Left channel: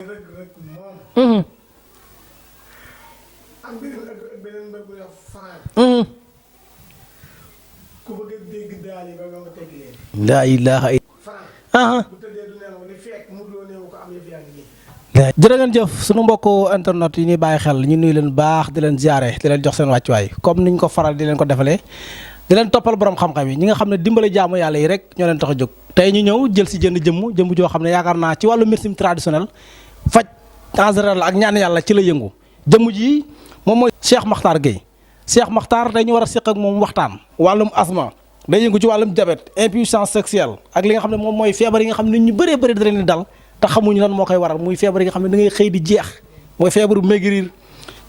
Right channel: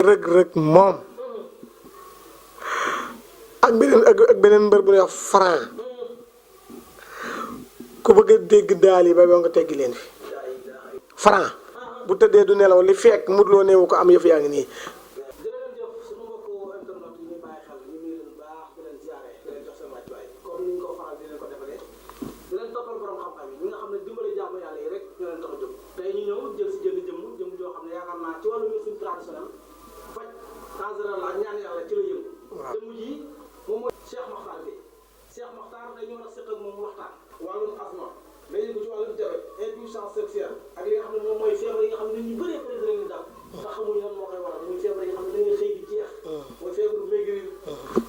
Rëg moom. ak beneen mbër bu ñuy wax Franc. ku bëgg a dégg daal yi ba nga teggi leen fi. laa ilaaha Franc. bu tëddee du nelaw li fekk Modou Lo néewu ko am yëf yaa ngi nii. jërë ngeen jëf sunu mbokku internet yi ñuy bàyyi xel ñu nuyu leen baax di leen ziare di leen jox seen wàccuwaay comme niñ ko faral di leen ko defalee di leen toppal borom xam-xam yi ñi nga xam ne dimbale jaamu yàlla yi rek ñoo leen tax a jóg tey ñu ñëw jël si jëmm joo xam ne yaakaar naa ci wàllu médecine traditionnelle faj en général ak ñaan yàlla ci la yëngu jëmm ji moom mooy Cheikh Makhtar Gueye Cheikh Makhtar tey ñu war a séq ak moom waxtaan wàllum asma day yëngu ci wàllum diabète impuissance sexuelle ak li nga xam ne moom mooy feebar yi nga xam ne nit ñu bëree bëri da leen di dal te xamuñu lan moo koy waral muy feebar yi nga xam ne da ngay xëy di jeex mooy feebaru maigrir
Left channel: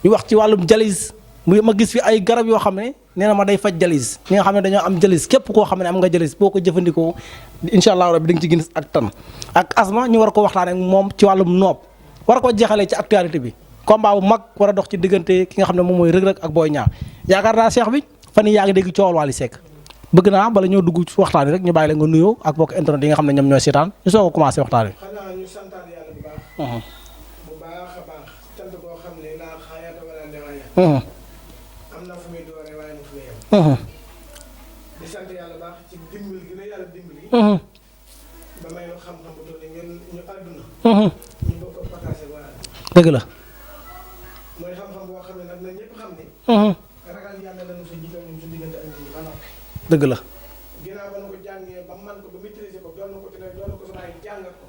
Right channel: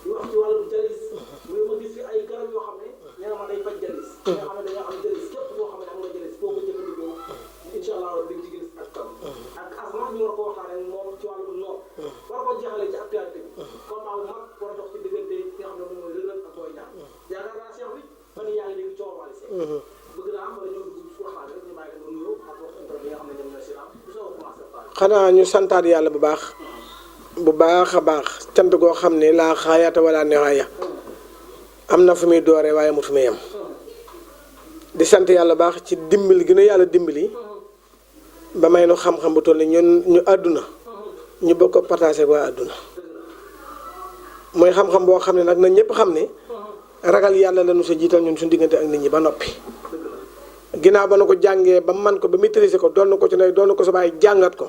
ñu wax ci wàllum dialyse ma gis fi ay garab yoo xam ne nee na ma day faj dialyse ñi nga xam ne dañoo am dialyse képp koo xam ne am nga dialyse boo ko jëfandikoo incha allah rabbi da nga ci gis ak tan ak asma ñu war ko waxtaanee moom ci wàllum noob war ko jeexalee ci actualité bi combat bu mag war a dox ci diggante ki nga xam ne moom mooy Reug Reug ak Boy Niang yaakaar naa Cheikh bi fan yii yaa ngi dégg coowal Wally Seck bëgg naa bala ñoo dugg ci waxtaan bi rek ñu bàyyi la nga nuyoo ak bokk internet yi nga xam ne ñoom ñooy seetaan ñu soog a commencé waxtaan bi. xanaa ñu santaat yàlla bu baax. bu baax a baax cant goo xam ne laa xaayaata wala neexaaya. am na fu muy dooree waaye mu fu muy yem. di sant yàlla baax ci dimbali gi nu yàlla dimbali. ba may nu xam-xam bu toll nii ñun ñu àdduna. ñu bëgg ko partagé waa àdduna. dëgg la. mooy xam-xam boo xam ne nag na ñëpp xam ne. ragal yàlla la nu sa jiital ñun suñu diggante ak nit ñi ba noppi. dëgg la. ginnaaw ba nu ko jàngee ba man ko ba maîtriser ko doon na ko ci ne doon na ko sa bàyyi jàngat ko.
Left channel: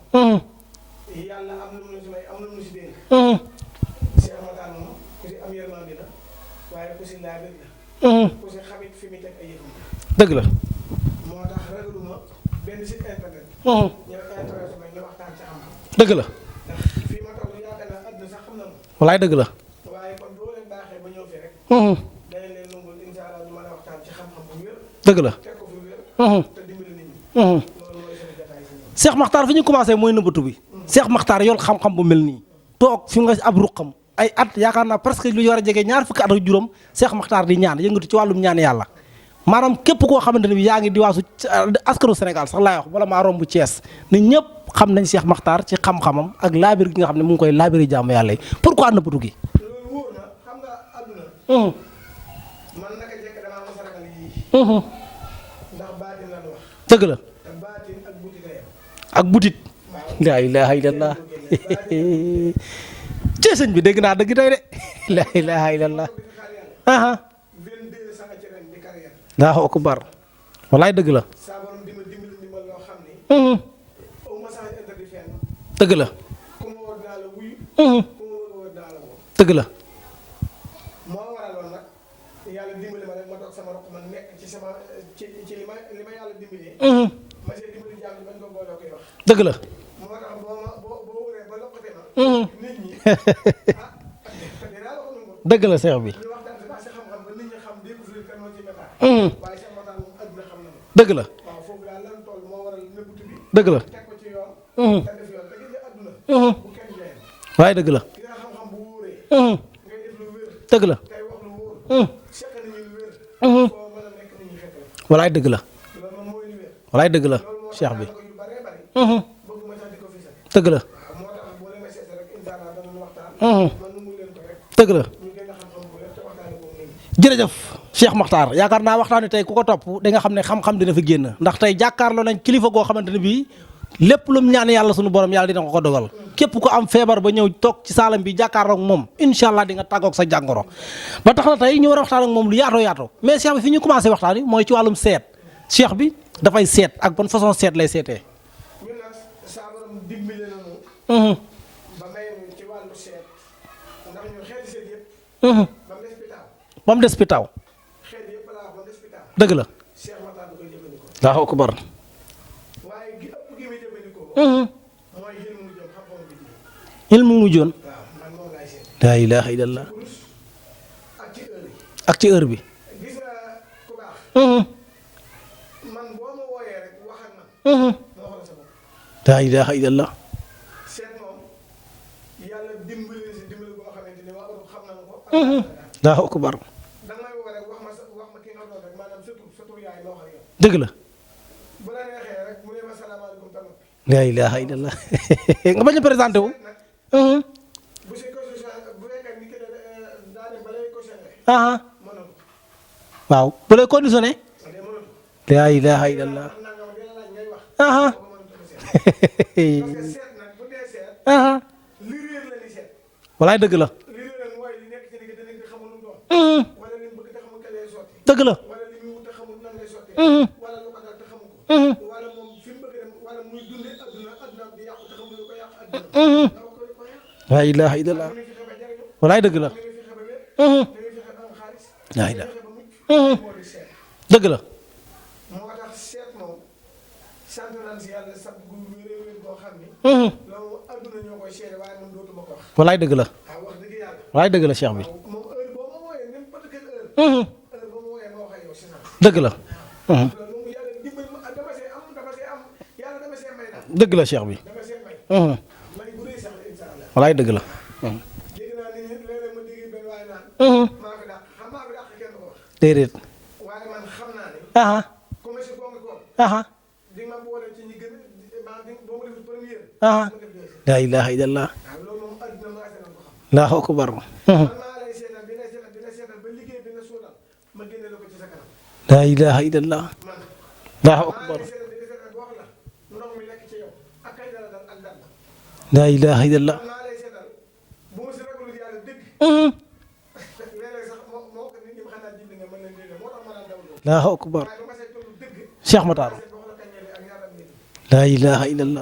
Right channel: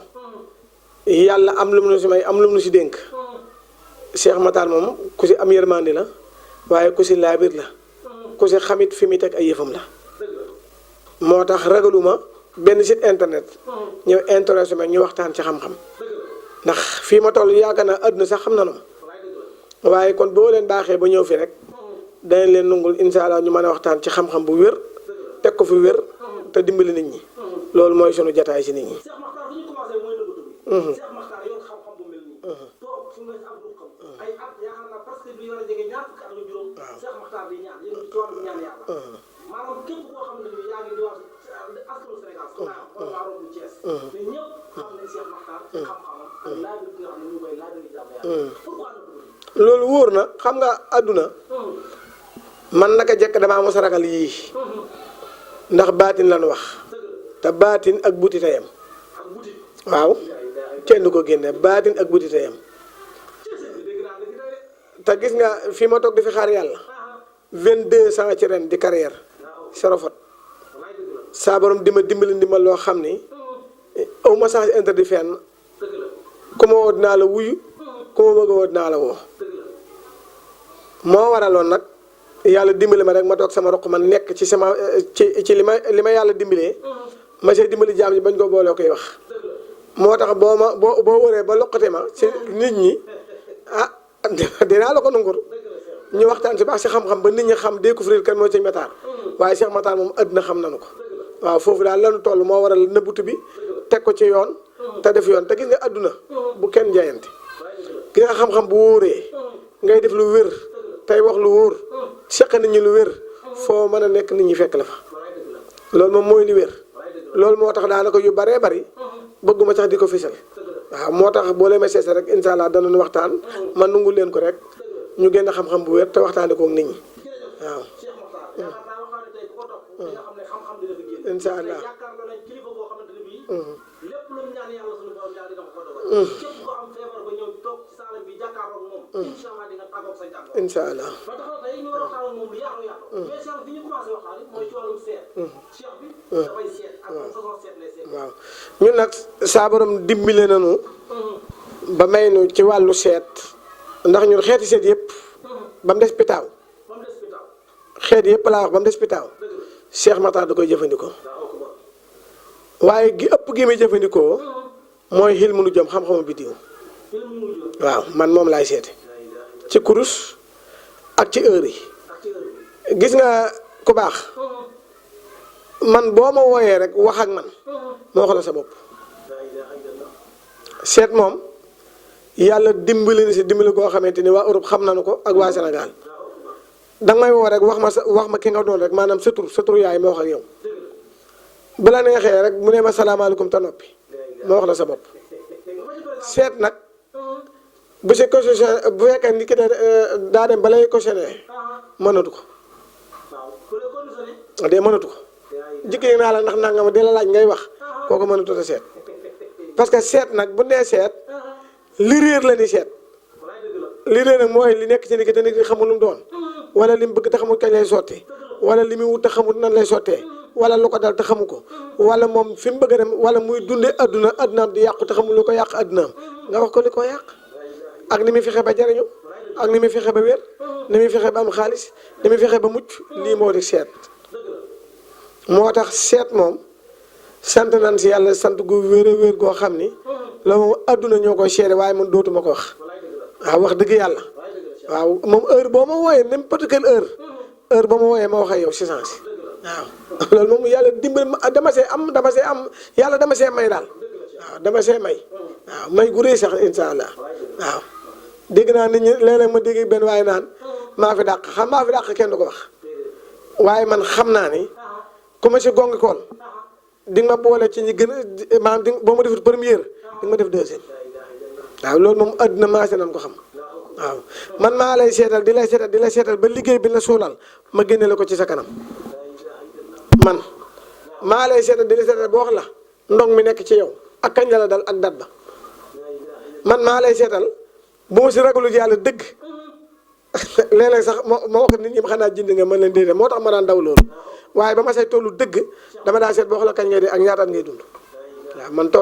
yàlla am lu mu nu si may am lu mu nu si dénk. Cheikh Makhtar moom ku si am yërmandi la waaye ku si laabir la. ku si xamit fi muy teg ay yëfam la. dëgg la. moo tax ragaluma benn site internet. ñëw intéressé ma ñu waxtaan ci xam-xam. dëgg la. ndax fii ma toll yaakaar naa àdduna sax xam na no walaay dëgg la. waaye kon boo leen baaxee ba ñëw fi rek. dañ leen nungul incha allah ñu mën a waxtaan ci xam-xam bu wér. dëgg la teg ko fi wér. te dimbali nit ñi. loolu mooy sunu jataay si nit ñi. Cheikh Makhtar fi ñu commencé mooy nëbbatu bi. Cheikh Makhtar yor xam-xam bu mel nii. toog fi nga ab ruqam ay at yaakaar naa presque lu war a jege ñaar fukki at ak juróom Cheikh Makhtar di ñaan yëngatu ci wàllum ñaan yàlla. maanaam képp koo xamante ne bi yaa ngi di waasu askanu Sénégal sax laay wax wala maa romb Thiès. nit ñëpp xam nañ Cheikh Makhtar ci xam-xamam ak laabir gi nga xam ne mu ngi koy laabiri jaamu yàlla yi pourquoi nëbbatu gi. loolu wóor na xam nga àdduna. man naka jekk damaa mos a ragal yii. ndax baatin lan wax. dëgg la. te baatin ak butit a yem. ak butit. waaw laa ilaaha illallah kenn du ko génne baatin ak butit a yem. ci sëñ bi dégg naa dëgg tey de. te gis nga fi ma toog di fi xaar yàlla. 22 ans ci ren di carrière. daa ko bar walaay dëgg la. saa borom dimbali ndimbal loo xam ni. aw ma sax interdit fenn. dëgg la. ku ma woo dinaa la wuyu. ku ma bëgg a woo dinaa la woo. dëgg la. moo waraloon nag yàlla dimbali ma rek ma toog sama roq ma nekk ci sama ci li ma yàlla dimbalee. ma see dimbali jaam yi bañ ko boole koy wax. dëgg la. moo tax boo wëree ba loqate ma. ci nit ñi dinaa la ko nungur. dëgg la Cheikh bi. ñu waxtaan si baax si xam-xam ba nit ñi xam découvrir kan mooy Cheikh Makhtar. waaye Cheikh Makhtar moom àddina xam nañu ko. dëgg la. waaw foofu daal lanu toll moo waral nëbbutu bi. dëgg la teg ko ci yoon. te def yoon te gis nga àdduna. bu kenn jaayante. waaye dëgg la. gis nga xam-xam bu wóoree. ngay def lu wér. dëgg la tey wax lu wóor. seq nit ñi lu wér. foo mën a nekk nit ñi fekk la fa. walaay dëgg la. loolu moom mooy li wér. walaay dëgg la. loolu moo tax daanaka yu baree bari. bëgguma sax di ko fisal. dëgg la. waaw moo tax boo leen ma seese rek incha allah danañu waxtaan. man nungu leen ko rek. dëgg la. ñu génn xam-xam bu wér te waxtaanee ko ak nit ñi. jërëjëf Cheikh Makhtar yaakaar naa waxtaani tey ku ko topp da nga xam ne xam-xam dina fi génn ndax tey jàkkaarloo nañ kilifa goo xamante ne bii lépp lu mu ñaan yàlla sunu borom yàlla dina ko dogal képp ko am feebar ba ñëw toog ci saalam bi jàkkaarloo ak moom incha allah di nga tàggoog sa jàngoro ba tax na tey ñu war a waxtaan ak moom lu yaatoo yaatoo mais Cheikh bi fi ñu commencé waxtaan yi mooy ci wàllum seet Cheikh bi dafay seet ak ban façon seet lay seetee ñun nag saa borom dimbale nañu ba may nu ci wàllu seet ndax ñun xeeti seet yëpp ba mu des pitaaw ba mu des pitaaw xeet yëpp laa wax ba mu des pitaaw dëgg la Cheikh Makhtar da koy jëfandikoo waaw ko bar waaye gi ëpp gi muy jëfandikoo mooy xil mu nu jëm xam-xamu biddiw xil mu nu joon waaw man moom laay seete laa ilaaha illallah ci kurus ak ci heure yi ak ci heure bi gis nga ku baax man boo ma wooyee rek wax ak man moo wax la sa bopp laa ilaaha illallah seet moom yàlla dimbali na si dimbali koo xamante ni waa Europe xam nañu ko ak waa Sénégal waaw ko bar danga may woo rek wax ma ki nga doon rek maanaam sa tur yaay ma wax ak yow dëgg la bu la neexee rek mu ne ma salaamaaleykum te noppi laa ilaaha ma wax la sa bopp nga bañ a présenté seet nag bu si cautionné bu fekkee ni ki daa dem ba lay cautionné. mënatu ko. waaw bu lay conditionné. de mënatu ko. yaa ilaaha naa la ndax nangam di la laaj ngay wax. boo ko mënatu a seet. parce que seet nag bu nee seet. li réer la ni seet. walaay dëgg la. li réer nag mooy li nekk ci nit ki te nit ki xamul lu mu doon. wala li mu bëgg te xamul kañ lay sottee. dëgg la. wala li muy wut te xamul nan lay sottee. wala lu ko dal te xamu ko. wala moom fi mu bëgg a dem wala muy dundee addunaam di yàqu te xamul lu ko yàq addunaam. nga wax ko li ko yàq. laa ilaaha illallaah. ak ni muy fexe ba jariñu. walaay dëgg la. ak ni muy fexe ba wér. ni muy fexe ba am xaalis. ni muy fexe ba mucc. lii moo di seet. dëgg la. moo tax seet moom sant nan si yàlla sant gu wér a wér goo xam ni. la moom adduna ñoo koy seede waaye man dootuma ko wax. walaay dëgg la. waaw wax dëgg yàlla. walaay dëgg la Cheikh. waaw moom heure boo ma wooyee n'importe quelle heure. heure boo ma wooyee ma wax ak yow si sens. dëgg la. waaw loolu moom yàlla dimbali ma dama see am yàlla dama see may daal. dëgg la Cheikh bi. dama see may. waaw may gu rëy sax incha allah. walaay dëgg la. waaw dégg naa nit ñi léeg-léeg ma dégg benn waaye naan. maa fi dàq maa fi dàq kenn du ko wax. déedéet. waaye man xam naa ni. ku ma si gongi kool. di nga ma boole ci ñi gën a maanaam boo ma defut première. di nga ma def deuxième. laa ilaaha illallaah. waaw loolu moom àdduna maase nañ ko xam. Allaahu akbar. man maa lay seetal di lay seetal ba liggéey bi la suulal ma génne la ko ci sa kanam. laa ilaaha illallaah. man. maa lay seetal di la seetal ba wax la ndong mi nekk ci yow ak kañ la dal ak dat ba. laa ilaaha illallaah. man maa lay seetal bu ma si ragalu yàlla dëgg. léeg-léeg sax ma wax nit ñi xanaa jindi nga mën leen déedéet moo tax ma daan daw loolu. waaye ba ma say tollu dëgg. dama daan seet boo xam la kañ ngay dee ak ñaataat ngay dund. laa ilaaha illallaah. man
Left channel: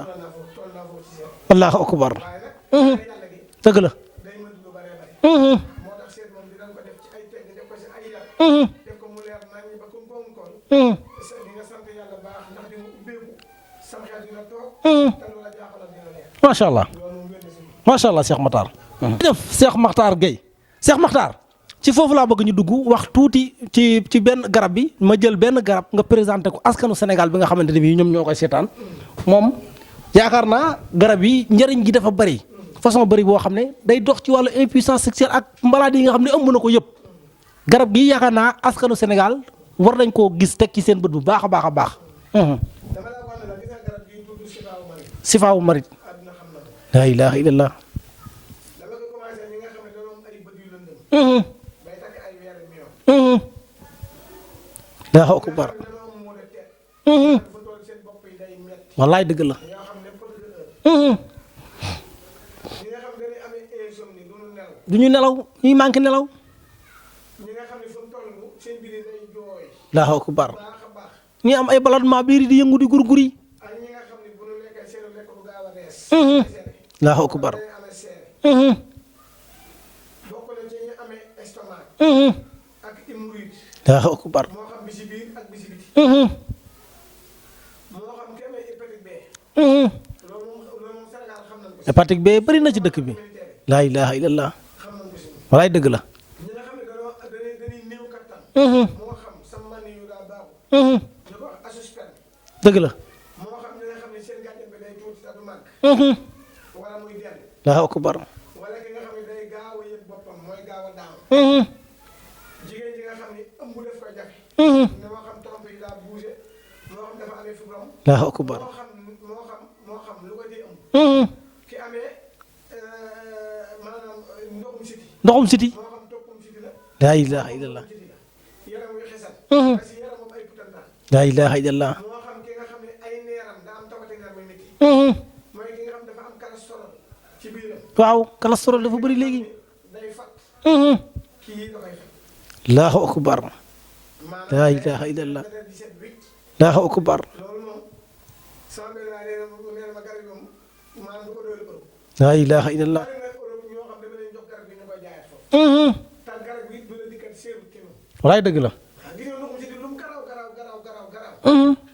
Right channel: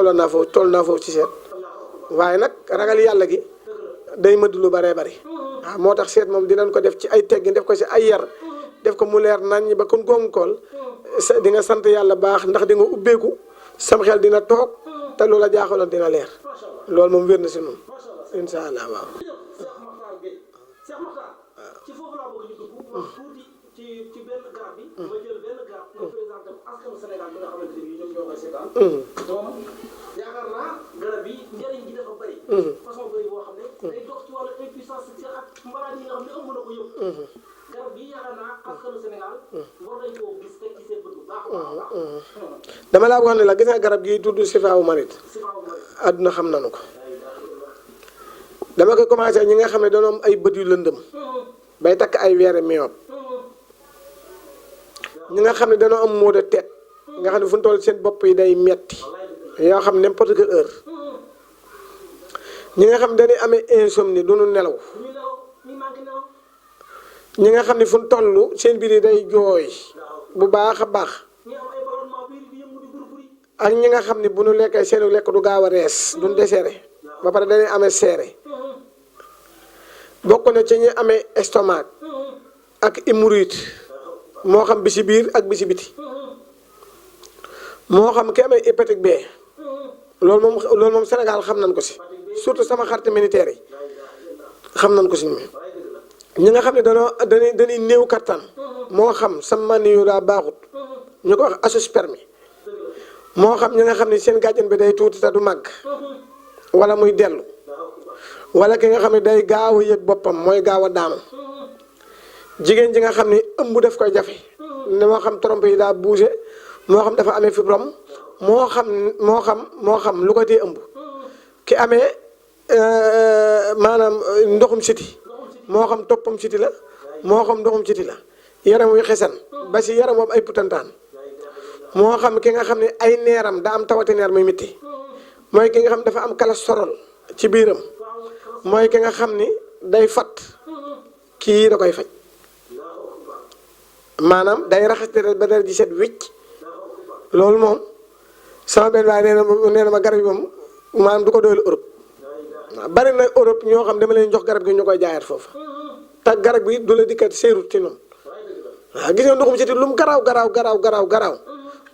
toll naa foofu ci seet. Allaahu akbar. waaye nag ragal yàlla gi. dëgg la. day mëdd lu bëree bëri. waaw moo tax seet moom dinañ ko def ci ay teggin def ko ci ay yar. def ko mu leer nañ ñi ba kon gongu kool. di nga sant yàlla baax ndax di nga ubbeeku. sam xel dina toog. te loola jaaxaloon dina leer. macha allah loolu moom wér na si moom. macha allah Cheikh Makhtar. jërëjëf Cheikh Makhtar Gueye. Cheikh Makhtar ci foofu laa bëgg ñu dugg wax tuuti ci benn garab bi ma jël benn garab nga présenté ko askanu Sénégal bi nga xamante ne bii ñoom ñoo koy seetaan. moom yaakaar naa garab yi njëriñ gi dafa bari. façon bari boo xam ne day dox ci wàllu impuissance sexuelle ak maladie yi nga xam ne ëmb na ko yëpp. garab gi yaakaar naa askanu Sénégal war nañ koo gis teg ci seen bët bu baax a baax a baax. dama laa wax ne la gis nga garab gi tudd Sifaawu Marit. Sifaawu Marit. àdduna xam nañu ko. laa ilaaha illallaah. dama koy commencé ñi nga xam ne dañoo am ay bët yu lëndëm. bay takk ay weere miyoob. ñi nga xam ne dañoo am maux de tête. ñi nga xam ne fu ñu toll seen bopp yi day metti. wallaay dëgg la. yoo xam n'importe quelle heure. ñi nga xam ne dañuy amee insomnie du ñu nelaw. du ñu nelaw ñuy manqué nelaw. ñi nga xam ne fu ñu toll seen biir yi day jooy. bu baax a baax. ñi am ay ballonnement biir yi di yëngu di gurguri. ak ñi nga xam ne bu ñu lekkee seen lekk du gaaw a rees. du ñu deseere. ba pare dañuy amee seere. bokk na ci ñi amee estomac. ak hémorroïde. moo xam bi si biir ak bi si biti. moo xam ki amee hépatique B. loolu moom Sénégal xam nañ ko si. hépatique B bëri na ci dëkk bi sama carte militaire yi. laa ilaaha illallaah. xam nañ ko si ñoom. walaay dëgg la. ñi nga xam ne dañuy néew kattan. moo xam sa mani yu daa baaxut. ñu ko wax azoospermie. dëgg la. moo xam ñi nga xam ne seen gàjjan bi day tuuti te du màgg. wala muy dellu. Allaahu akbar. wala ki nga xam ne day gaaw a yëg boppam mooy gaaw a daanu. jigéen ji nga xam ne ëmb daf koy jafe. ne moo xam trompe yi daa bougé moo xam dafa amee fibrome. moo xam lu ko tee ëmb. ki amee maanaam ndoxum siti. moo xam toppam siti la. moo xam ndoxum siti la. yaram wi xesan. ba si yaram moom ay putantaan. laa ilaaha illallaah. moo xam ki nga xam ne ay neeram daa am tawati neer muy mitti. mooy ki nga xam dafa am cholestérol ci biiram. waaw cholestérol mooy ki nga xam ni day fat. kii da koy faj. Allaahu akbar. maanaam day raxas deret ba deret ji set wicc. Allaahu akbar. loolu moom sama benn waaye nee na ma garab yi moom maanaam du ko doylu Europe. laa ilaaha illallaah. bari na Europe ñoo xam dama leen jox garab gi ñu koy jaayaat foofu. te garab gi du la dikkat seerut ci ñoom. walaay dëgg la. waaw gis nga ndoxum siti lu mu garaaw.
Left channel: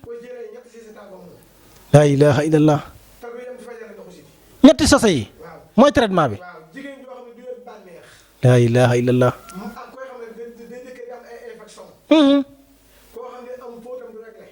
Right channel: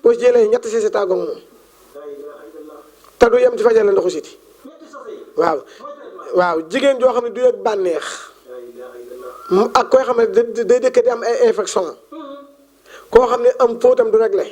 boo ci jëlee ñetti sisi tàggoo moom. laa ilaaha illallaah. te du yem ci fajal la ndoxu siti. ñetti sase yi. waaw mooy traitement bi. waaw jigéen joo xam ne du yëg bànneex. laa ilaaha illallaah. ak koy xam ne day dëkk di am ay infection. koo xam ne am fóotam du réglé.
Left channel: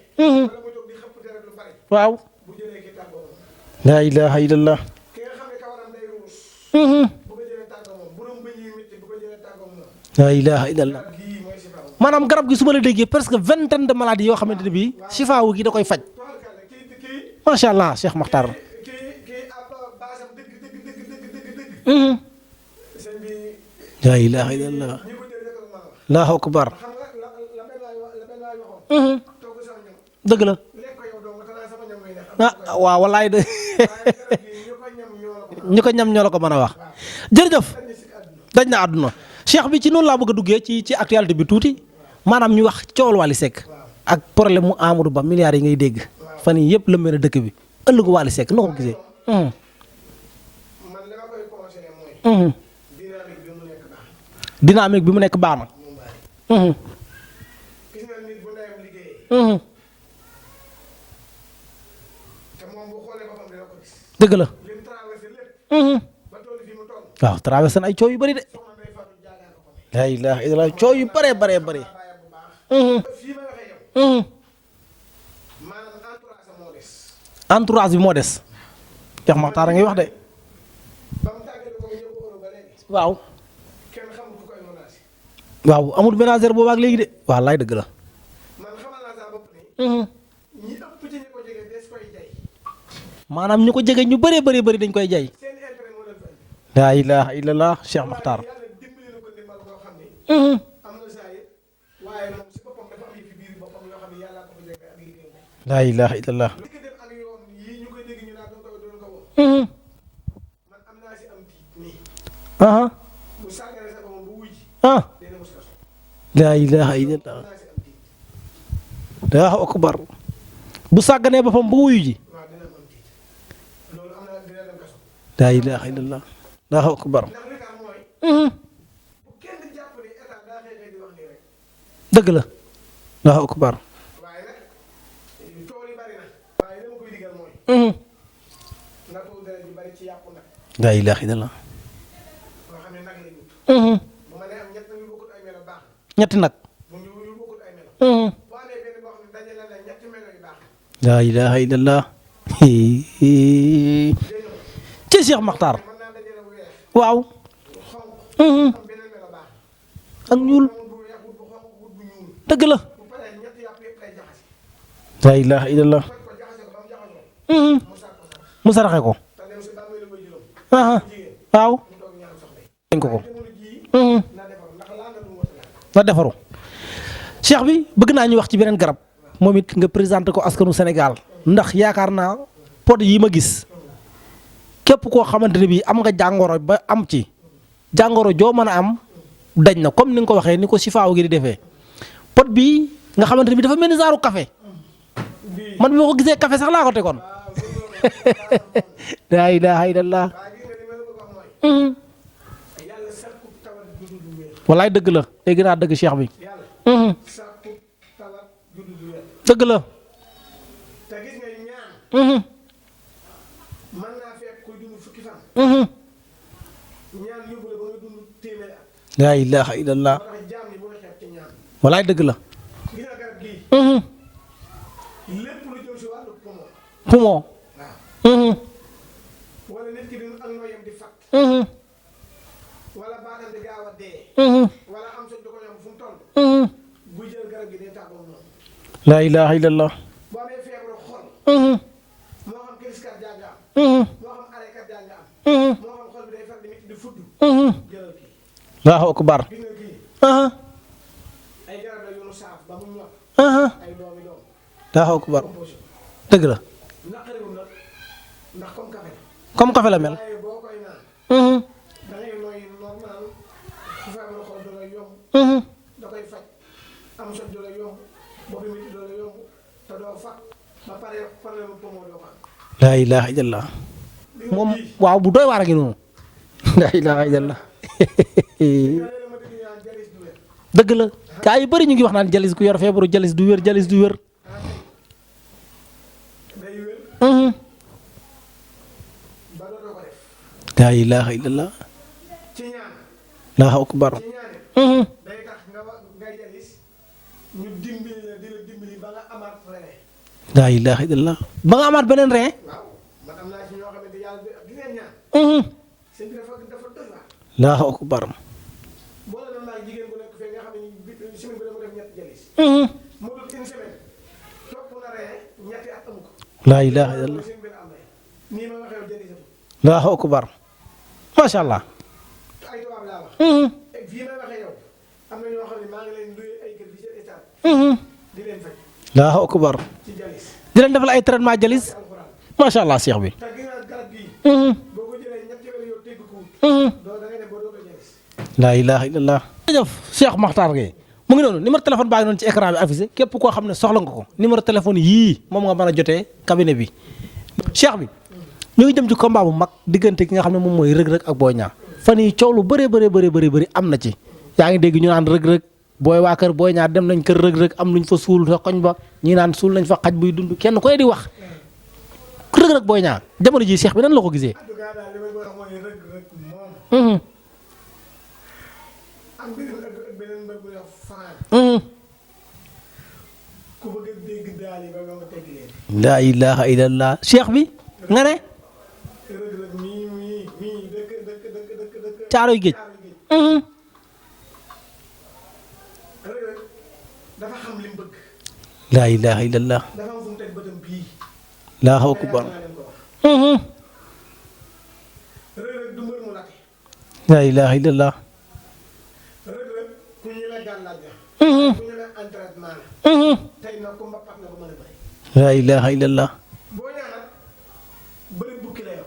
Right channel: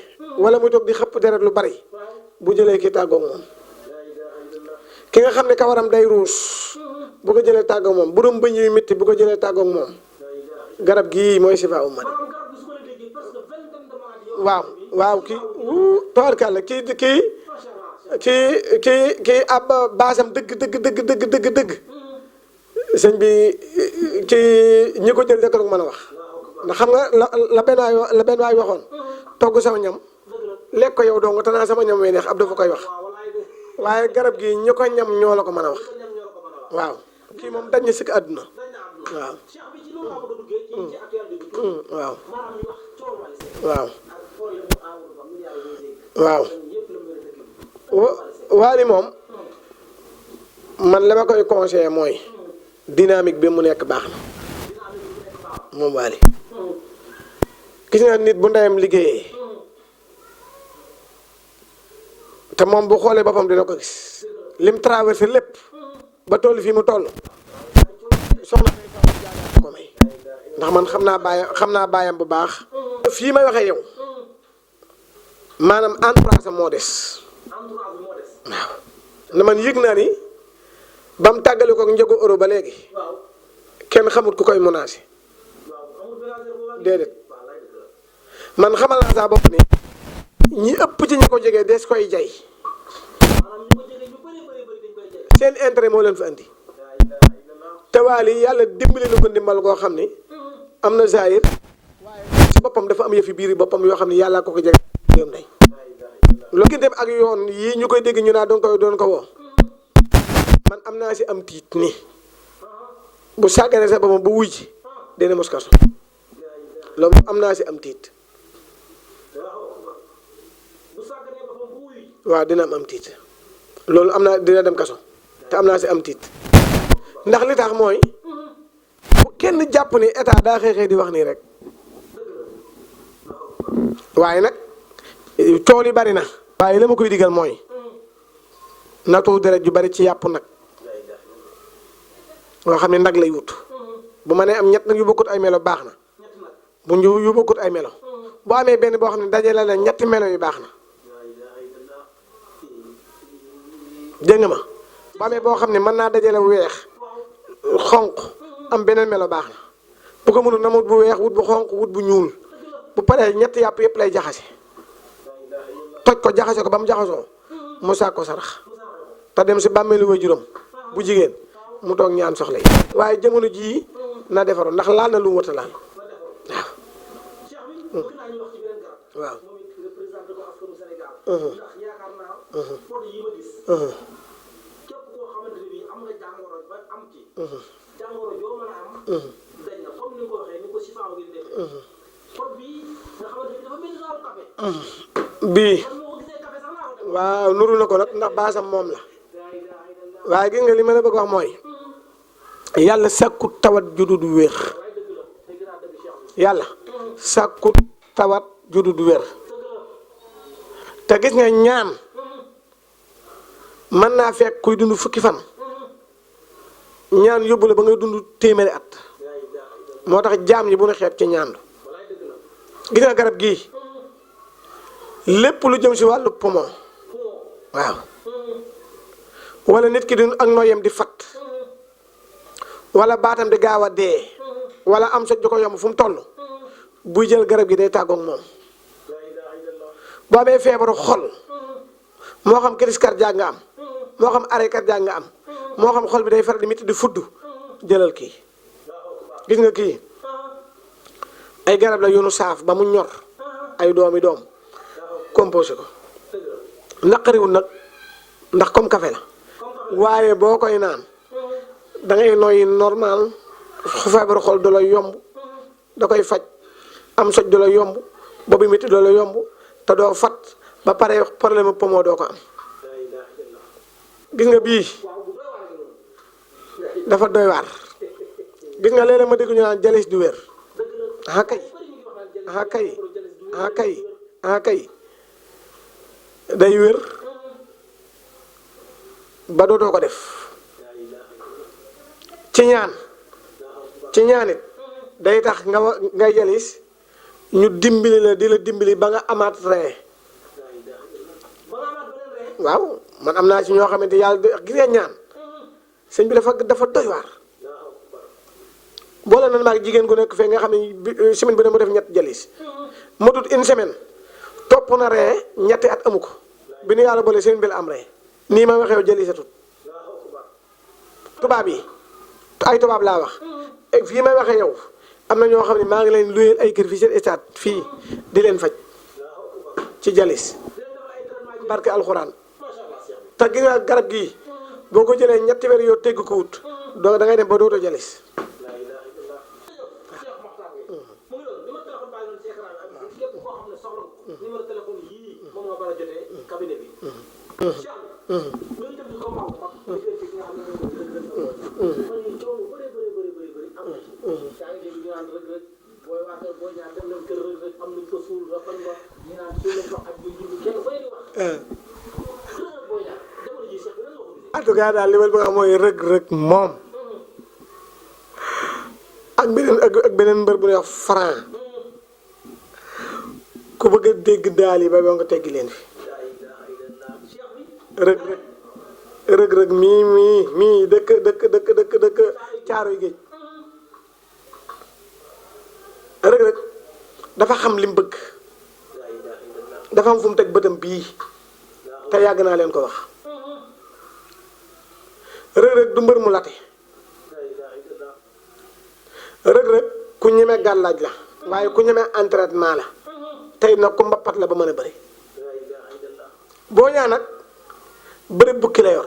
wala muy toog di xëpp deret lu bari. waaw bu jëlee kii tàggoo moom. laa ilaaha illallaah. ki nga xam ne kawaram day ruus. bu ko jëlee tàggoog moom borom bëñ yu métti bu ko jëlee tàggoog moom. la ilaha illallah garab gii mooy sifaawu ma. maanaam garab gi su ma la déggee presque vingtaine de maladies yoo xamante ne bii. sifaawu gi da koy faj. tabarkàlla kii. macha allah Cheikh Makhtar. kii ab baasam dëgg. sëñ bi. ci ñi ko jël dëkk rek mën a wax. allahu akbar. xam nga la benn waay waxoon. togg sama ñam. dëgg la lekk ko yow dong te naa sama ñam wey neex ab du ko koy wax. waaw wallaay de. waaye garab gi ñi ko ñam ñoo la ko mën a wax. ñi ko ñam ñoo la ko mën a wax. waaw jërëjëf. dañ na sikk àdduna. dañ na àdduna. cheikh bi ci noonu laa bëgg a duggee ci actualité bi tuuti. maanaam ñu wax coowal Wally Seck. ak problème mu Amadou Ba milliards yi ngay dégg. fan yii yëpp lëmbee na dëkk bi. ëllëgu Wally Seck. Wally moom. man la ma koy conseillé mooy. dynamique bi mu nekk baax na. dynamique bi mu nekk baax na. moom Wally. gis nga nit bu ndeyam liggéeyee. te moom bu xoolee boppam dina ko gis. dëgg la lim traversé lépp. ba toll fii mu toll. waaw traversé ay coow yu bëri de. soxna ko may. la ilaha illallah coow yu bëri xam naa bàyyam bu baax. fii may waxee yow. maanaam entourage moo des. entourage bi moo des. waaw man yëg naa ni ba mu tàggale ko njëgu euro ba léegi. waaw kenn xamut ku koy menacé. waaw amul ménagère boobu ak léegi de. waaw laay dëgg la. man xamal naa saa bopp ni. ñi ëpp ci ñi ko jege des koy jay. maanaam ñu ko jege ñu bëree bëri dañ koy jay. seen intérêt moo leen fa andi. laa ilaha illallah. te Wally yàlla dimbali na ko ndimbal koo xam ni. am na zaahir. waaye ci boppam dafa am yëfi biir boppam yoo xam ne yàlla ko jege ak yoom day. laa ilaha illallah. lu gën dem ak yoon yii ñu koy dégg ñu naa doon ko woo. man am naa si am tiit nii. bu sàgganee sa boppam bu wuy ci. dina mos kaso. laa ilaha illallah loolu am naa si am tiit. Allahu akbar. bu sàgganee boppam bu wuyu ji. waaw dina am tiit. loolu am naa dina dem kaso. am naa si am tiit. Allahu akbar. ndax li tax mooy. bu kenn jàpp ni état daa xëy di wax nii rek. dëgg la. Allahu akbar. waaye nag tool yi bari na. waaye la ma koy digal mooy. na tuur deret ju bari ci yàpp nag. laa ilaha illallah. nga xam ne nag lay wut. bu ma nee am ñett nag yu bokkut ay melo baax na. ñetti nag. bu ñu yu bokkut ay melo. boo amee benn boo xam ne dajale la ñetti melo yu baax na. laa ilaha illallah. dégg nga ma. ci Cheikh boo xam ne mën naa dajale weex. waaw. xonq. am beneen melo baax na. bu ko mënul na wut bu weex wut bu xonq wut bu ñuul. dëgg la. bu paree ñetti yàpp yëpp lay jaxase. laa ilaha illallah. toj ko jaxase ko ba mu jaxasoo. mu saak ko sarax. mu saraxe ko. te dem si bàmmeelu waajuram. bu jigéen. waaw mu toog ñaan soxla yi. waaye jamono jii. na defaru ndax laal na lu mu war a laal. na defaru. cheikh bi bëgg naa ñu wax ci beneen garab. moom it nga présenté ko askanu Sénégal. ndax yaakaar naa pot yi ma gis. képp koo xamante ne bii am nga jàngoro ba am ci. jàngoro joo mën a am. dañ na comme ni nga ko waxee ni ko sifaaw gi di defee. pot bii nga xamante ne bii dafa mel ni zaaru café. bii man bi ma ko gisee café sax laa ko tegoon. waaw nuru na ko nag ndax baasam moom la. laa ilaaha illallah. waaye gis nga li ma la bëgg wax mooy. yàlla sàkku tawat juddu du wér. wallaay dëgg la dégg naa dëgg cheikh bi. yàlla. sàkku tawat juddu du wér. dëgg la. te gis nga ñaan. mën naa fekk kuy dund fukki fan. ñaan yóbbu la ba ngay dund téeméeri at. laa ilaaha illallah. moo tax jaam ñi bu ñu xeeb ci ñaan. wallaay dëgg la. gis nga garab gii. lépp lu jëm si wàllu poumon. poumon. waaw. wala nit ki di ak nooyam di fat. wala baatam di gaaw a dee. wala am soj ju ko yomb fu mu toll. buy jël garab gi day tàggoog moom. laa ilaaha illallah. boo amee feebaru xol. moo xam crise cardiaque nga am. moo xam arrêt cardiaque nga am. moo xam xol bi day faral di métti di fudd. jëlal kii. Allahu akbar. gis nga kii. ay garab la yoonu saaf ba mu ñor. ay doomi doom. Allahu akbar. composé ko. dëgg la. naqariwul nag ndax comme café la. comme café la. waaye boo koy naan. da ngay noyyi normal feebaru xol du la yomb. da koy faj am soj du la yomb boobu métti du la yomb te doo fat ba pare problème poumon doo ko am. laa ilaaha illallah. gis nga bii waaw bu doy waar a ngi noonu. dafa doy waar. gis nga léeg-léeg ma dégg ñu naan jalis du wér. dëgg la gaa yu bëri ñu ngi wax naan jalis ku yor feebaru jalis du wér jalis du wér. kay day wér. ba dootoo ko def. laa ilaaha illallah. ci ñaan. Allahu akbar. ci ñaanit day tax nga jalis ñu dimbali la di la dimbali ba nga amaat rein. laa ilaaha illallah. ba nga amaat beneen rein. waaw man am naa ci ñoo xamante yàlla gis nga ñaan. sëñ bi dafa doy waar. Allahu akbar. boole na maag jigéen gu nekk fee nga xam ne semaine bi ne mu def ñett jalis. mu tut une semaine topp na ree ñetti at amu ko. laa bi ñu yàlla boole semaine bi la am ree nii ma waxee jalisatut. Allahu akbar. macha allah ay tubaab laa wax. fii may waxee yow am na ñoo xam ne maa ngi leen luyeel ay kër fii seen stade. fii di leen faj. Allahu akbar. ci jalis. di leen defal ay traitement jalis. parce que alxuraan. macha allah seex bi. te gis nga garab gii. boo ko jëlee ñetti weer yoo tegg ko wut. da ngay dem ba dootoo jalis. laa ilaaha illallah. jërëjëf Cheikh Makhtar Gueye mu ngi noonu numéro téléphone baa ngi noonu ci écran bi affiché képp koo xam ne soxla nga ko numéro téléphone yii moom nga mën a jotee cabinet bi. Cheikh bi. ñu ngi jëm ci combat bu mag diggante ki nga xam ne moom mooy rëg-rëg ak Boy Niang. fan yii coow lu bëri am na ci. yaa ngi dégg ñu naan rëg-rëg booy waa kër Boy Niang dem nañ kër rëg-rëg am luñ fa suul sa koñ ba ñi naan suul nañ fa xaj buy dund kenn koy di wax. rëg-rëg Boy Niang jamono ji Cheikh bi nan la ko gisee. en tout cas daal li ma bëgg a wax mooy rëg-rëg moom. ak beneen mbër bu ñuy wax Franc. ku bëgg a dégg daal yi ba nga teggi leen fi. laa ilaaha illallah Cheikh bi. nga ne. rëg-rëg mii dëkk. Caaroy Géej. rëg-rëg dafa xam li mu bëgg. laa ilaaha illallah. dafa am fu mu teg bëtam bii. te yàgg naa leen ko wax. rëg-rëg du mbër mu late. laa ilaaha illallah. rëg-rëg ku ñemee gàllaaj la. waaye ku ñemee entraînement la. tey nag ku mbappat la ba mën a bëri. laa ilaaha illallah. Boy Niang nag bëri bukki la yor.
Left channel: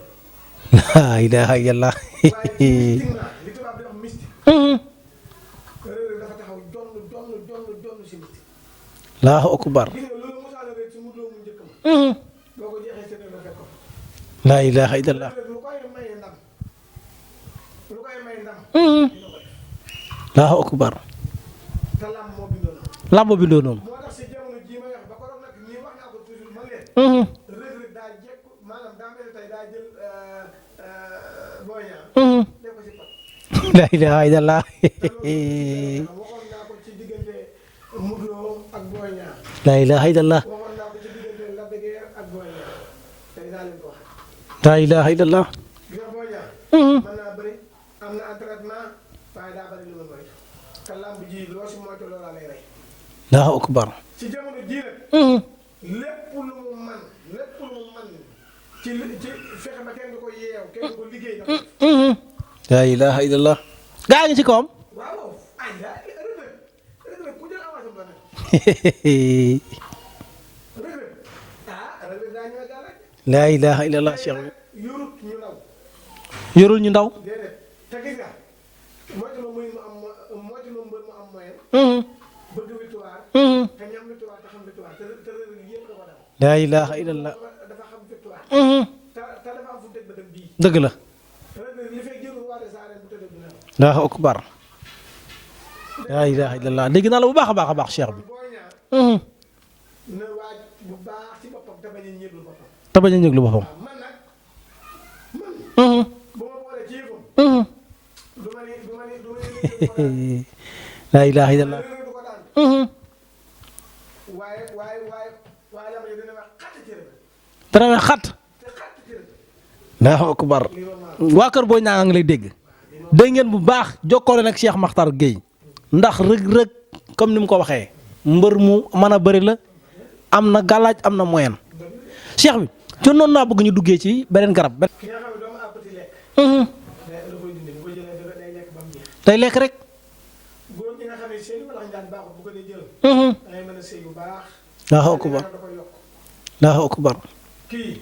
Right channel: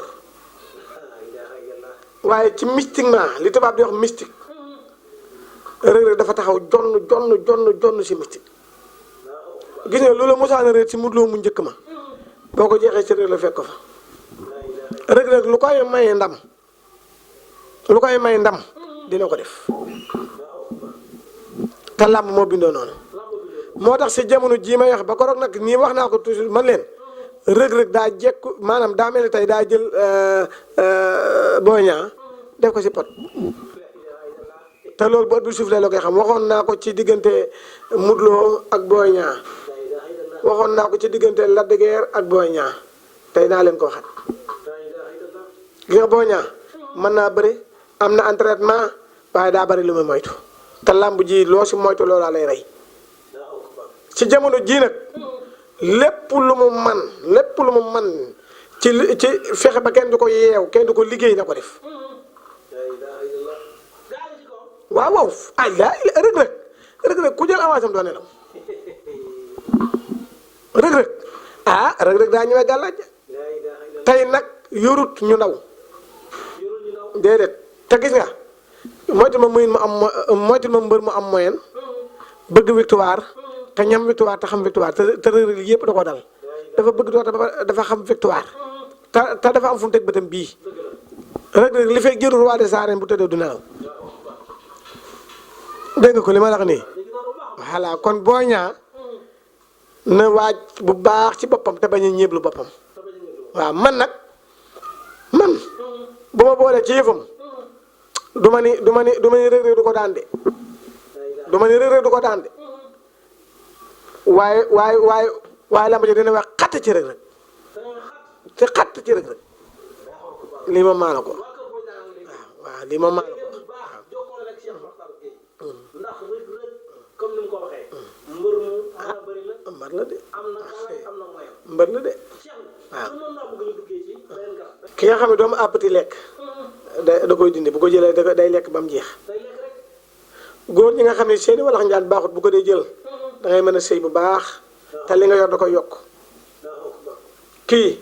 laa ilaaha illallah. waaye ci mystiquement li tubaab di wax mystique. rëg-rëg dafa taxaw jonn si mystique. Allahu akbar. gis nga loolu mosaana réer ci Modou Lo mu njëkk ma. boo ko jeexee ci rëg la fekk ko fa. laa ilaaha illallah. rëg-rëg lu koy may ndam. dina ko def. Allahu akbar. te làmb moo bindoo noonu. moo tax si jamono jii may wax ba ko rog nag nii wax naa ko toujours man leen. rëg-rëg daa jekku maanaam daa mel ni tey daa jël Boy Niang. def ko si pot. laa ilaaha illallah. te loolu boo du suuf la koy xam waxoon naa ko ci diggante Modou Lo ak Boy Niang. laa ilaaha illallah. waxoon naa ko ci diggante Lac de Guiers ak Boy Niang tey naa leen ko waxat. laa ilaaha illallah. gi nga Boy Niang. mën naa bëri am na entraînement waaye daa bëri lu muy moytu. te làmb ji loo si moytu loolaa lay rey. Allahu akbar. ci jamono jii nag. lépp lu mu man ci fexe ba kenn du ko yeew kenn du ko liggéey na ko def. laa ilaaha illallah. gaa ngi ci kawam. waaw ay rëg-rëg ku jël avance am doo nelaw. rëg-rëg daa ñëwee gàllaaj. laa ilaaha illallah. tey nag yorut ñu ndaw. yorul ñu ndaw. déedéet te gis nga moytu ma mbër mu am moyen. bëgg victoire. te ñam victoire te xam victoire te rëg-rëg yëpp da ko dal. laa ilaaha illallah. dafa xam victoire. te dafa am fu mu teg bëtam bii. dëgg la. rëg-rëg li fekk jërul roi des arènes bu tëddee du nelaw. Allahu akbar. dégg nga ko li ma la wax nii dégg naa la bu baax a baax. kon Boy Niang na waaj bu baax ci boppam te bañ a ñeeblu boppam. waaw man nag bu ma boolee ci yëfam. du ma ni rëg-rëg du ko daan de. laa ilaaha illallah. du ma ni rëg-rëg du ko daan de. waaye lamba ji dina wax xatt ci rëg-rëg. dana wax xatt. te xatt ci rëg-rëg. Allahu akbar. lii ma maa la ko. waa kër Boy Niang a ngi lay dégg. waaw lii ma dégg ngeen bu baax jokkoo nag Cheikh Makhtar Gueye. ndax rëg-rëg comme ni mu ko waxee. mbër mu mën a bëri la. am na galaaj am na moyen. mbër la de. Cheikh bi ci noonu naa bëgg ñu duggee ci beneen garab. ki nga xam ne doomu àppati lekk. da koy dindi bu ko jëlee day lekk ba mu jeex. day lekk rek. góor ñi nga xam ne seeni walax njaan baaxut bu ko dee jël. da ngay mën a sëy bu baax. Allahu te li nga akbar. yor da koy yokk. Allahu akbar. kii.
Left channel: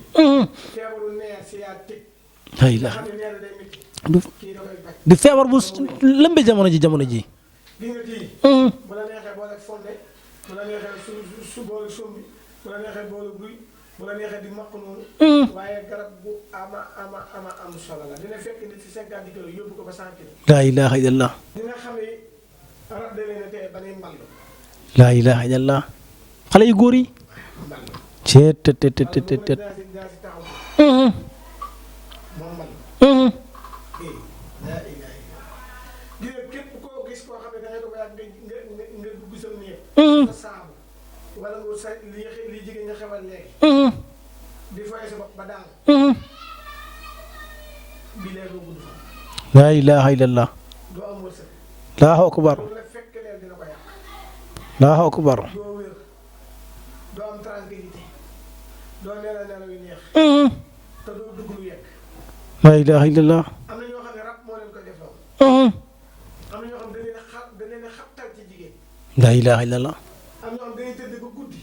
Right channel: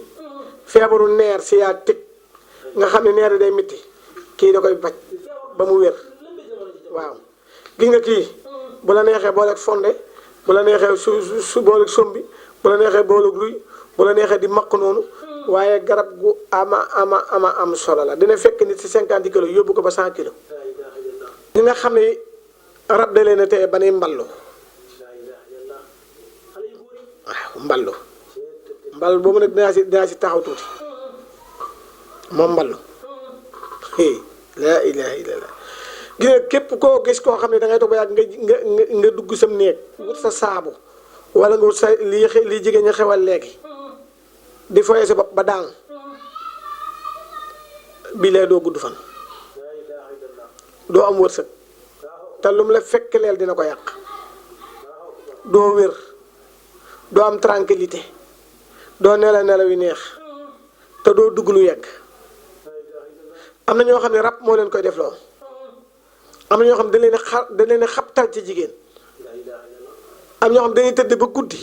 feebaru neer si yaa tëg. nga xam ne neer yi day métti. kii da koy faj. di feebar bu ba mu wér. lëmbe jamono ji. gis nga kii. bu la neexee booleeg fonde bu la neexee su booleeg sombi bu la neexee booleeg luy bu la neexee di maq noonu. waaye garab gu am solo la dina fekk nit si 50 kilos yóbbu ko ba 100 kilos. laa ilaaha illallah. ñi nga xam ne rab da leen a teye ba nuy mballu. laa ilaaha illallah. xale yu góor yi. waaw mballu. mballu boobu nag dinaa si taxaw tuuti. moom mballu. laa ilaaha illallah. gis nga képp koo gis koo xam ne da ngay toog ba yàgg nga dugg sam néeg. sa saabu wala nga sa lii jigéen ña xewal léegi. di foyee sa bopp ba daal. bii lay doo gudd fan. laa ilaaha illallah. doo am wërsëg. Allahu te akbar. lu mu la fekk leel dina ko yàq. Allahu akbar. doo wér. doo am tranquillité. doo nelaw nelaw yu neex. te doo dugg lu yegg. laa ilaaha illallah. am na ñoo xam ne rab moo leen koy def loo. am na ñoo xam ne da leen a xabtal ci jigéen. laa ilaaha illallah. am ñoo xam dañuy tëdd ba guddi.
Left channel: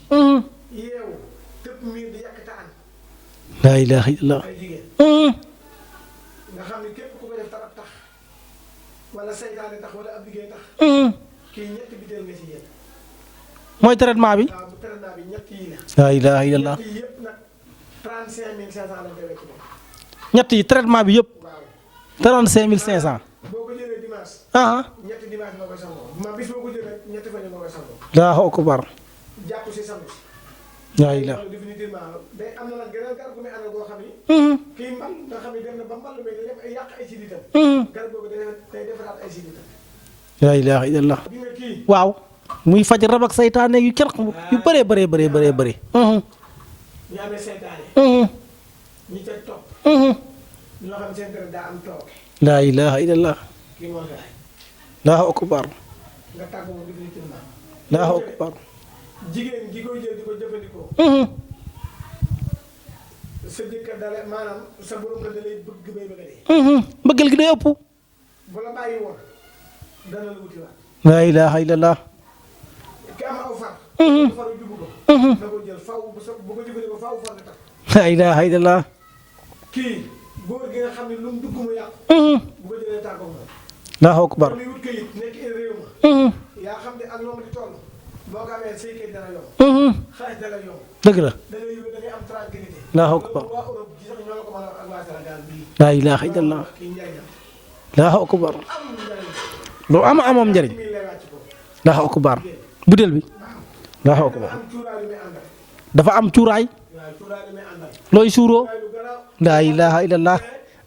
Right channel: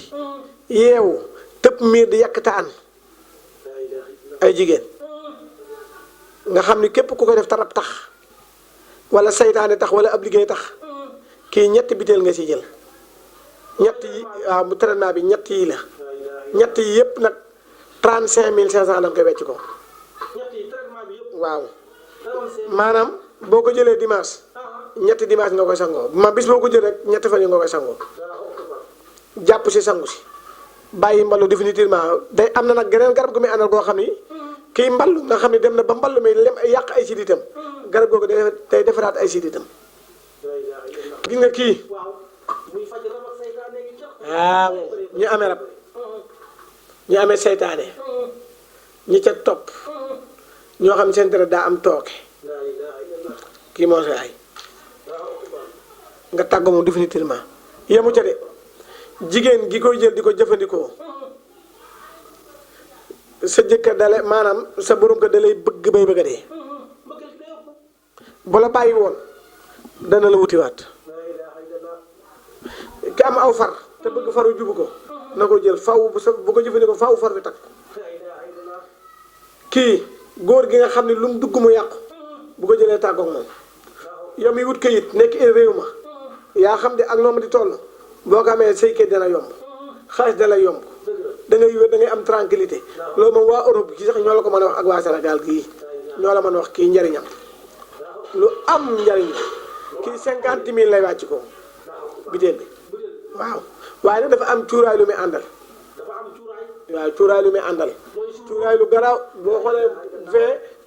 yeewu tëb miir di yàq taan. laa ilaaha illallah. ay jigéen. nga xam ni képp ku ko def tarab tax wala saytaane tax wala ab liggéey tax. kii ñetti biteel nga si jël. mooy traitement bi. waaw bu traitement bi ñett yi la. laa ilaaha illallah. ñett yi yëpp nag 35500 da nga koy wecc ko. ñett yi traitement bi yëpp. waaw. 35500. maanaam boo ko jëlee dimanche. ñetti dimanche nga koy sangoo ma bis boo ko jëlee rek ñetti fan yi nga koy sangoo. Allahu akbar. jàpp si sangu si. bàyyi mballu définitivement day am na nag geneen garab gu muy àndal goo xam ni. kii mballu nga xam ni dem na ba mballu mi lem yàq ay siditam. garab googu day defaraat ay siditam. laa ilaaha illallah. gis nga kii. waaw. muy faj rab ak saytaane yu kenn yu bëree bëree bëri. ñu amee saytaane. ñi ca topp. ñoo xam seen dara daa am tooke. laa ilaaha illallah. kii moo say ay. Allahu akbar. nga tàgg moom définitivement. yéemu ca de jigéen gi koy jël di ko jëfandikoo. sa jëkkër dale maanaam sa borom ko dalay bëgg bay bëgg a dee. bëggal gi day ëpp. bu la bàyyi woon dana la wutiwaat. laa ilaaha illallah. ki am aw far. bu faru jubu ko. na ko jël faw bu ko jëfandikoo faw far bi takk. laa ilaaha illallah. kii góor gi nga xam ne lu mu dugg mu yàqu. bu ko jëlee tàggoog moom. Allahu akbar. yow mi wut kayit nekk réew ma. yaa xam ne ak noonu di toll. boo ko amee say kayit dana yomb. xaalis dana yomb. dëgg la. da ngay wér da ngay am tranquillité. loolu moom waa Europe gi sax ñoo la ko mën a wax ak waa Sénégal gii. laa ilaaha ñoo la mën a illallah. wax kii njariñam. Allahu akbar. am njariñ. lu amoon njariñ. 50 000 lay wàcc ko. Allahu akbar. butéel bi. butéel bi. waaw waaye dafa am cuuraay lu muy àndal. dafa am cuuraay. waaw cuuraay lu muy àndal. looy suuroo. cuuraay lu garaaw. laa ilaaha illallah.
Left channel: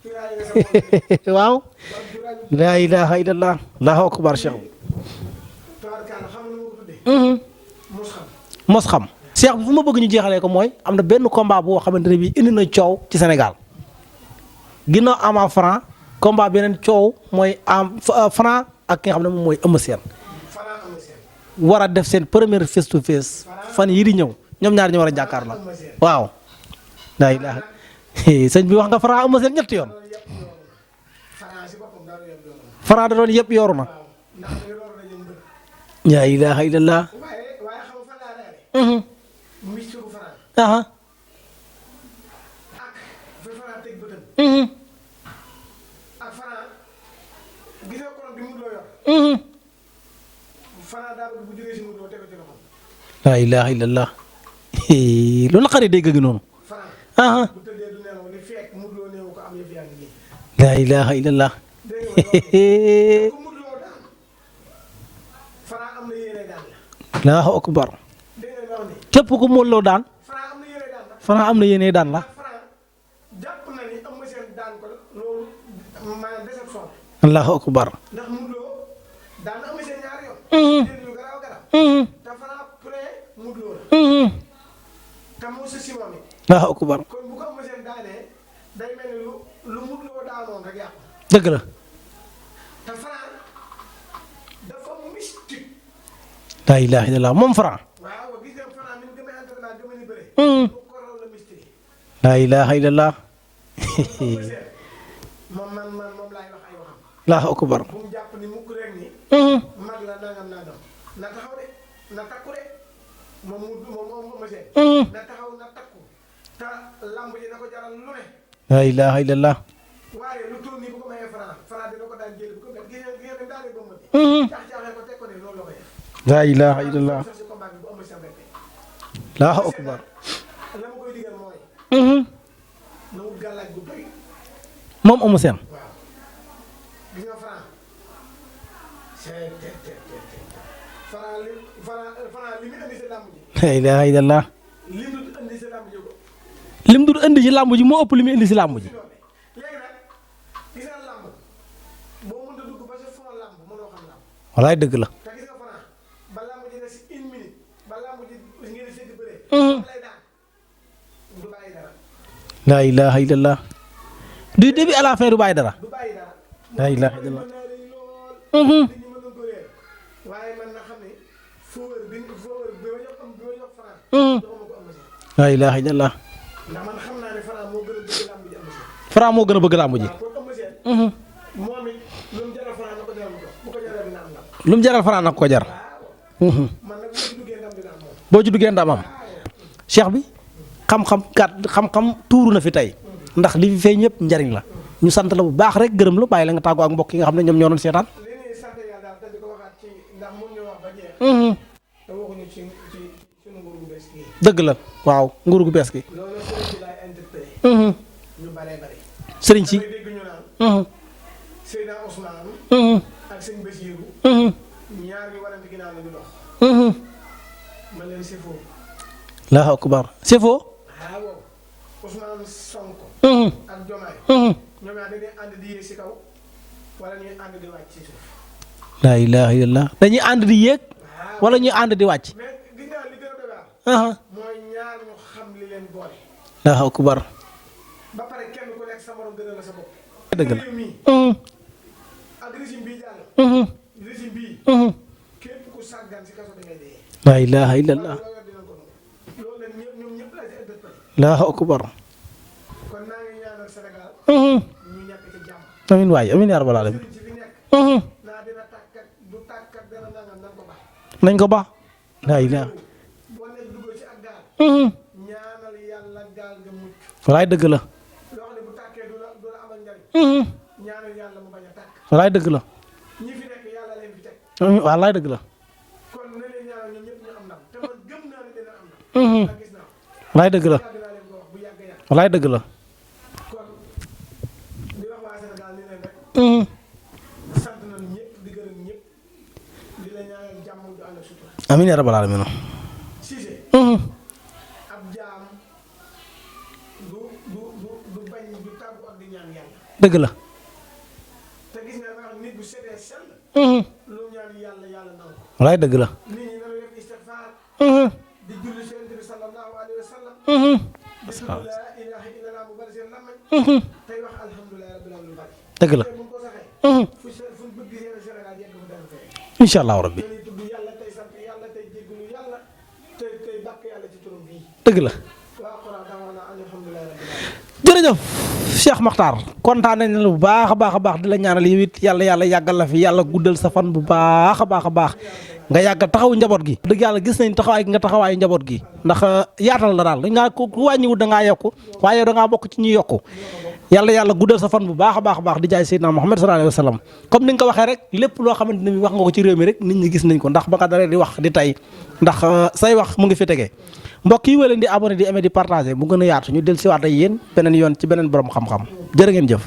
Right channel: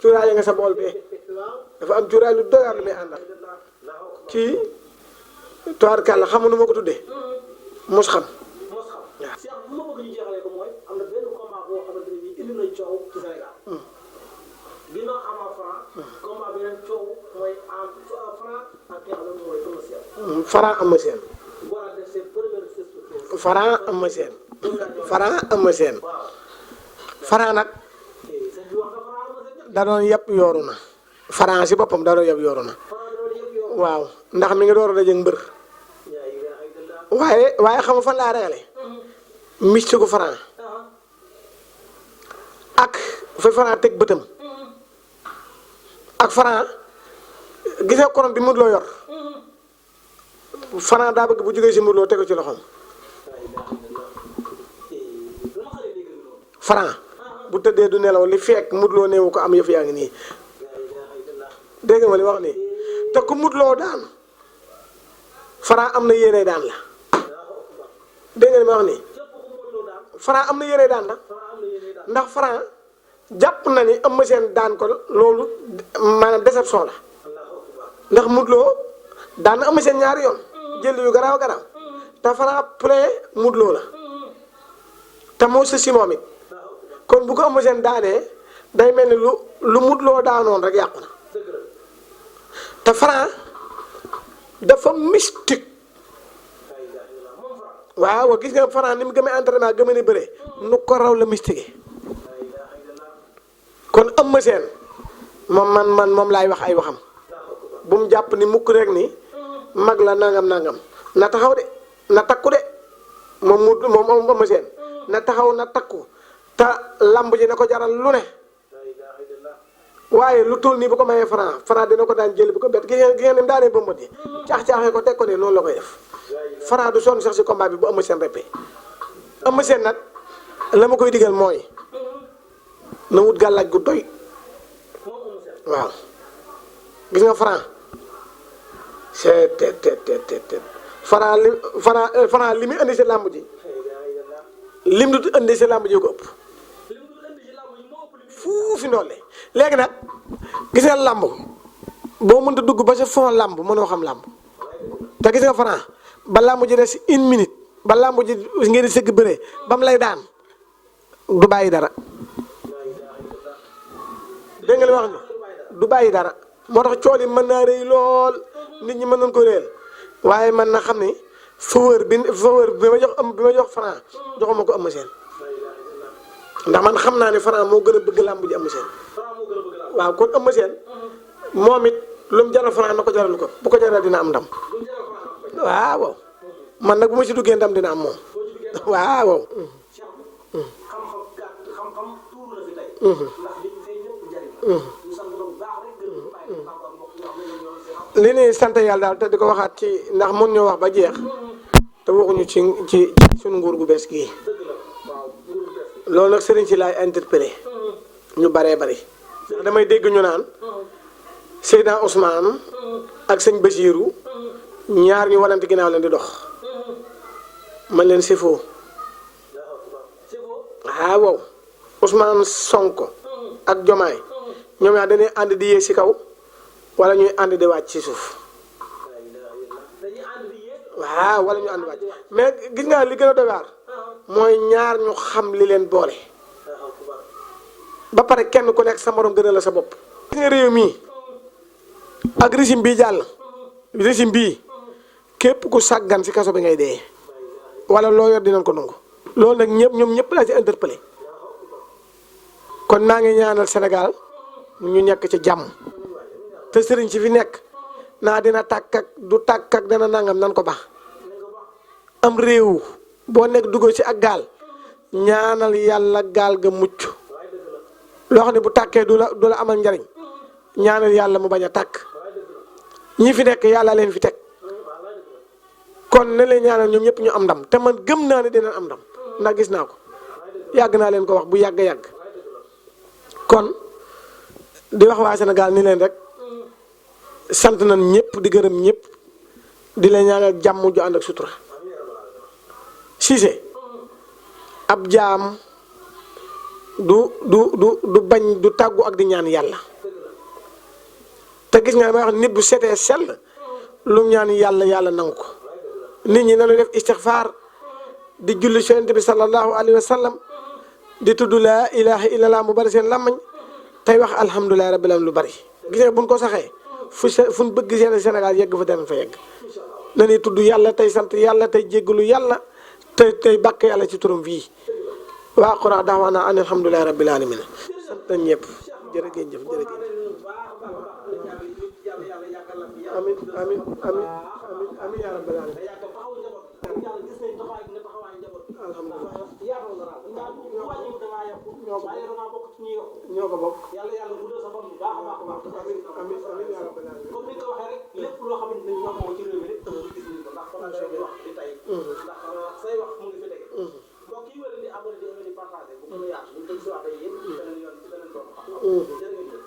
cuuraay nga sa bool bee. waaw. dafa am cuuraay lu doy. laa ilaaha illallah. Allahu akbar. tubaarkàlla xam nga nu ma ko tuddee. mos xam. mos xam. Cheikh bi fu ma bëgg ñu jeexalee ko mooy am na benn combat boo xamante ne bii indi na coow ci Sénégal. ginnaaw Ama Franc. combat beneen coow mooy am Franc ak ki nga xam ne moom mooy Eumeu Sène. Franc Eumeu Sène. war a def seen première face to face. fan yii di ñëw ñoom ñaar ñu war a jàkkaarloo. Franc Eumeu Sène. waaw. Franc nag. sëñ bi wax nga Franc Eumeu Sène ñetti da yoon. doon yëpp yooru na. Franc si boppam da doon yëpp yooru na. Franc da doon yëpp yooru na. waaw ndax mi ngi door a dajeeg mbër. laa ilaaha illallah. waaye xam nga fan laa ragale. mystique Franc. ak fa Franc teg bëtam. ak Franc gis nga korom bi Modou Lo yor. Franc daa bëgg bu jógee si Modou Lo tegu ci loxoom. laa ilaaha illallah. loolu la xarit dégg gi noonu. Franc. bu tëddee du nelaw li fekk Modou Lo néewu ko am yëf yaa ngi nii. laa ilaaha illallah. dégg nga ma li wax nii te ku Modou Lo daan Franc am na yéene daan la. Allahu akbar. dégg nga li ma wax nii. képp ku Modou Lo daan. Franc am na yéene daan la. Franc am na yéene daan la. ndax Franc jàpp na ni Eumeu Sène daan ko loolu maanaam déception la. Allahu akbar. ndax Modou Lo daan na Eumeu Sène ñaari yoon. jël yu garaaw garaaw. te Franc plein Modou Lo la. te moo sa si moom it. Allahu akbar. kon bu ko Eumeu Sène daanee day mel ni lu Modou Lo daanoon rek yàqu na. dëgg la. te Franc dafa mystique. laa ilaaha illallah moom Franc. waaw gis nga Franc ni mu gëmee entraînement gëmee ne bëre. nu ko raw la mystique. laa ilaaha illallah. kon Eumeu Sène moom laay wax ay waxam. Allahu akbar. bu mu jàpp ni mukk rek ni. mag la nangam na taxaw de na takku de moom Eumeu Sène. na taxaw na takku te lamb ji na ko jaral lu ne. laa ilaaha illallah. waaye lu toll nii bu ko mayee Franc dina ko daan jël bu ko bett gi ngeen ni mu daanee ba mot yi. caax-caaxee ko teg ko ne noonu la koy def. laa ilaaha Franc du sonn sax si combat bi bu Eumeu Sène répé. Eumeu Sène nag la ma koy digal mooy. na wut gàllaaj gu doy. moom Eumeu Sène. waaw gis nga Franc c'est Franc li muy indi si làmb ji. laa ilaaha illallah. lim du indi si làmb ji ko ëpp. lim du indi ci làmb ji moo ëpp li mu indi si làmb mu ji. fi ndoole léegi nag gis nga làmb boo mënta dugg ba sa fond làmb mënoo xam làmb. walaay dëgg la. te gis nga Franc ba làmb ji des 1 minute ba làmb ji ngeen di sëgg bëree. ba mu lay daan du bàyyi dara. laa ilaaha illallah. du début à la fin du bàyyi dara. du bàyyi dara. moo tax cool yi mën naa rëy lool. nit ñi mën nañ ko réel. waaye man na xam ni faveur bi ma jox Franc. joxuma ko Eumeu Sène. la ilaha illallah. ndax man xam naa ne Franc moo gën a bëgg làmb ji Eumeu Sène. Franc moo gën a bëgg làmb ji. waaw kon Eumeu Sène. moom it lu mu jaral Franc na ko jaral ko bu ko jaral dina am ndam. lu mu jaral Franc na ko jaral. waaw. man nag bu ma ci duggee ndam dina am moom. boo ci duggee ndam am waaw. cheikh bi. xam-xam xam-xam tuuru na fi tey. ndax li fi feeñ ñëpp njariñ la. ñu sant la bu baax rek gërëm la bàyyi la nga tàggoo ak mbokk yi nga xam ne ñoom ñoo doon seetaan. li ñuy sant yàlla daal te di ko waxaat ci ndax mun ñoo wax ba jeex. te waxuñu ci suñu nguur gu bees gii. dëgg la waaw nguur gu bees gi. loolu nag sëriñ si laay interpellé. ñu baree bari. sëriñ si damay dégg ñu naan. Seydina Ousmane. ak sëñ Bachirou. ñaar ñu walante ginnaaw leen di dox. man leen c'est faux. Allahu akbar c'est faux. waaw Ousmane Sonko. ak Jomaay. ñoom ñaar dañuy ànd di yéeg si kaw wala ñuy ànd di wàcc ci suuf. laa ilaaha illallah dañuy ànd di yéeg. waaw wala ñuy ànd di wàcc. mais gis nga li gën a doy waar. mooy ñaar ñu xam li leen boole. Allahu akbar. ba pare kenn ku nekk sa morom gën a la sa bopp. gis nga réew mii. ak régime bii jàll. régime bii. képp ku sàggan si kaso bi ngay dee. laa ilaaha illallah wala loo yor dinañ ko nangu. loolu nag ñoom ñëpp laa ci interpellé. Allahu akbar. kon naa ngi ñaanal Sénégal. ñu nekk ci jàmm. amiin waay amiin yaa rabbal te aalamiin. sëriñ si fi nekk. naa dina tàkk ak du tàkk ak dana nangam nan ko baax. nañ ko baax. am réew boo nekk dugg ci ak gaal. ñaanal yàlla gaal ga mucc. walaay dëgg la. loo xam ne bu tàkkee du la amal njariñ. ñaanal yàlla mu bañ a tàkk. walaay dëgg la. ñi fi nekk yàlla leen fi teg. walaay dëgg la. kon ne leen ñaanal ñoom ñëpp ñu am ndam te man gëm naa ne dinañ am ndam. ndax gis naa ko. walaay dëgg la yàgg naa leen ko wax bu yàgg yàgg. walaay dëgg la. kon di wax waa Sénégal ni leen rek. sant nañ ñëpp di gërëm ñëpp di leen ñaanal jàmm ju ànd ak sutura. amiin yaa rabbal aalamiin. Cissé. ab jaam du bañ du tàggu ak di ñaan yàlla. dëgg la. te gis nga damay wax nit bu setee sell. lu mu ñaan yàlla nangu ko. walaay dëgg la. nit ñi nañu def istixfaar. di julli ci Yonent bi sallallahu alayhi wa sallam. di tudd laa ilaaha illallah mu bari seen làmmañ. tey wax alhamdulilah rabbil alamin lu bari. dëgg la buñ ko saxee. fu ñu bëgg seen Sénégal yegg fa danañ fa yegg. incha allahu rabbi. nañuy tudd yàlla tey sant yàlla tey jéggalu yàlla tey bàkk yàlla ci turam fii. dëgg la. waa Quraan daawaana an alhamdulilah rabbil alamin. jërëjëf Cheikh Makhtar kontaan nañ la bu baax a baax di la ñaanal yow it yàlla yàggal la fi yàlla guddal sa fan bu baax a baax nga yàggal taxaw njaboot gi. dëgg yàlla gis nañ taxawaay gi nga taxawaayu njaboot gi ndax yaatal la daal dañ ngaa ko ku wàññiwut da ngaa yokku waaye da ngaa bokk ci ñuy yokku yàlla guddal sa fan bu baax a baax di jaay Seydina Muhammad sallallahu alayhi wa sallam comme ni nga ko waxee rek lépp loo xamante ne wax nga ko ci réew mi rek nit ñi gis nañ ko ndax ba nga daree di wax di tay ndax say wax mu ngi fi tegee mbokk yi wala di abonné di aimer di partager mu gën a yaatu ñu del siwaat ak yéen beneen yoon ci beneen borom xam-xam jërë ngeen jëf